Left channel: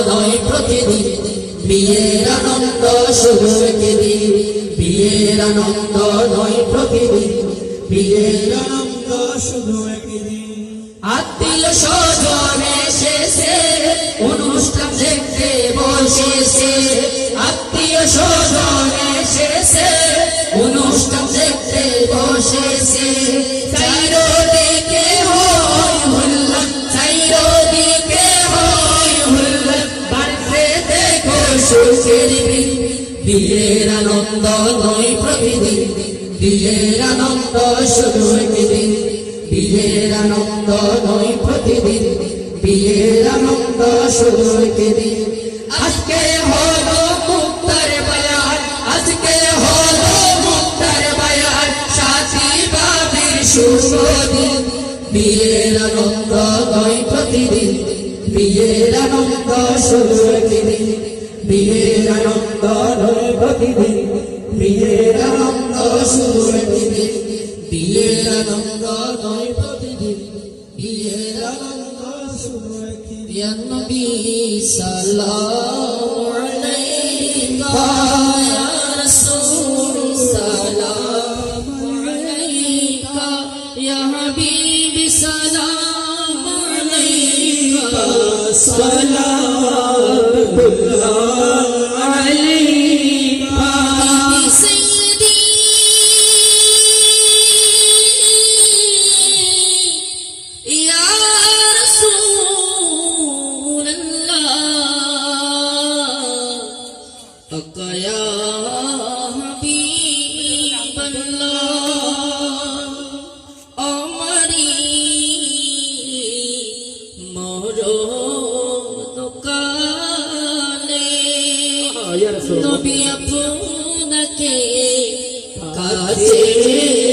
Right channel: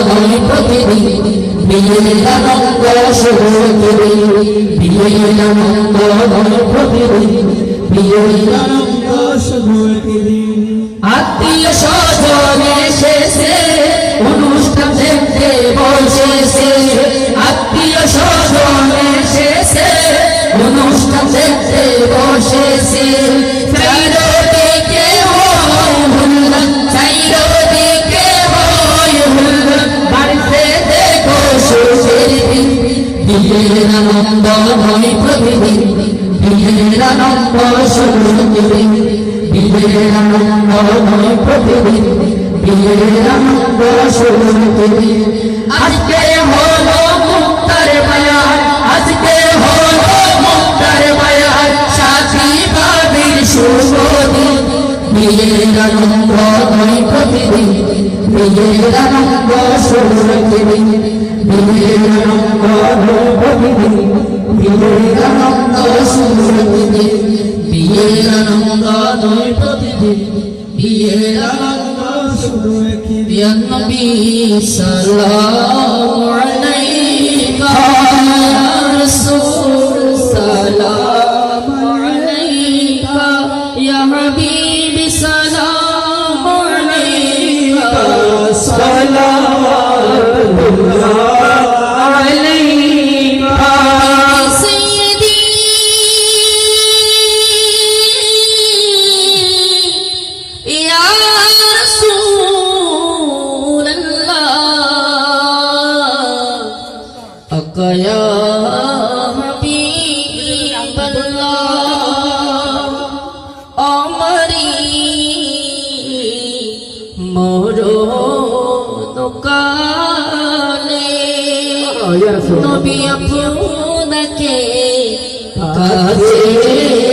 নয় প্রতিদিন বিয়ের আনন্দ শুরু দিন বিয়ের আনন্দ নয় প্রতিদিন বিয়ের আনন্দ শুরু দিন আত্মীয় স্বজন এসেছে অনুষ্ঠান দেখতে বসেছে আত্মীয় স্বজন এসেছে অনুষ্ঠান দেখতে বসেছে চারিদিকে হয় হুল্লা চারিদিকে হয় হুল্লা বাড়িতে দেখো সুখের দিন বিয়ের আনন্দ নয় প্রতিদিন বিয়ের আনন্দ শুরু দিন বিয়ের আনন্দ নয় প্রতিদিন বিয়ের আনন্দ শুরু দিন আজকে হলো মুক্তার বায়াত আজকে হলো মুক্তার বায়াত সাথী বাদীর শুভ দিন বিয়ের আনন্দ নয় প্রতিদিন বিয়ের আনন্দ শুরু দিন বিয়ের আনন্দ নয় প্রতিদিন বিয়ের আনন্দ শুরু দিন বিয়ের আনন্দ নয় প্রতিদিন বিয়ের আনন্দ শুরু দিন ইয়া নবী সাল্লাল্লাহু আলাইকা রাসূল সালামু আলাইকা ইয়া হাবিবি সালামু আলাইকা সালাওয়াতুল্লাহ या हबीब अल्लाह अमरी मरण काले नबी आपनके काছে